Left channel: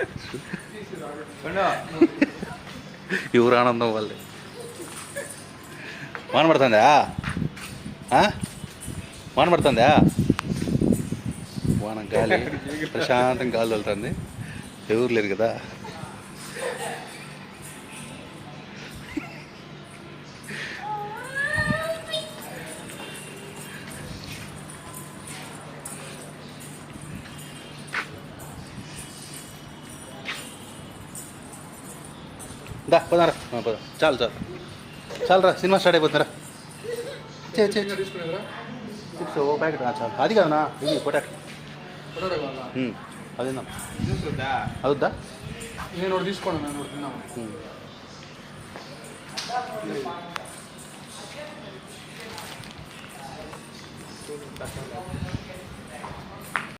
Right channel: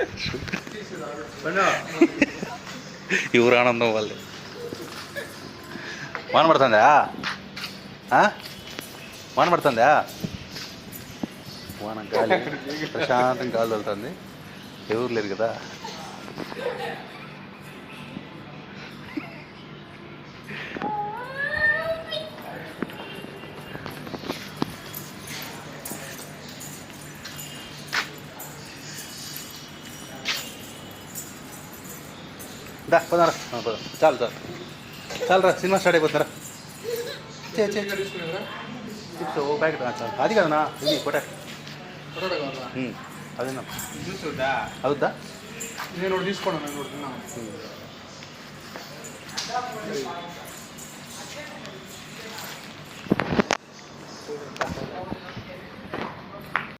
ఎవరు ఆనందం వాళ్ళే వాన పడుతుందా? ఆ? వాన పడుతుందా? వాన గాలి ప్రశాంతంగా గాలి వెళ్తుంది ఎవరు లేరు కదా? దా పోదారా. పోదాం. చాలు చాలు. చాలు రా సినిమా స్టార్ట్ అయిపోతుందిరా. చిప్స్ ఓ ప్యాకెట్ చాలు. అది కాదనా? ఇది పొటాట్. అది జ్యూస్ వద్దా? అవుద్దా నేను తీసుకోండి నేను తిన్నాను.